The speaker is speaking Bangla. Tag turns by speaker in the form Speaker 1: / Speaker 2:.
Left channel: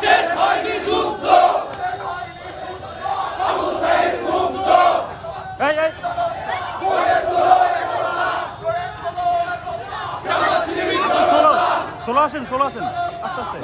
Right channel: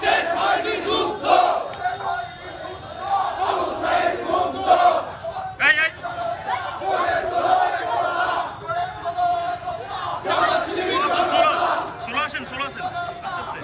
Speaker 1: শেষ হয়নি
Speaker 2: ষোলো আসেন ষোলো আসেন আস্তে আস্তে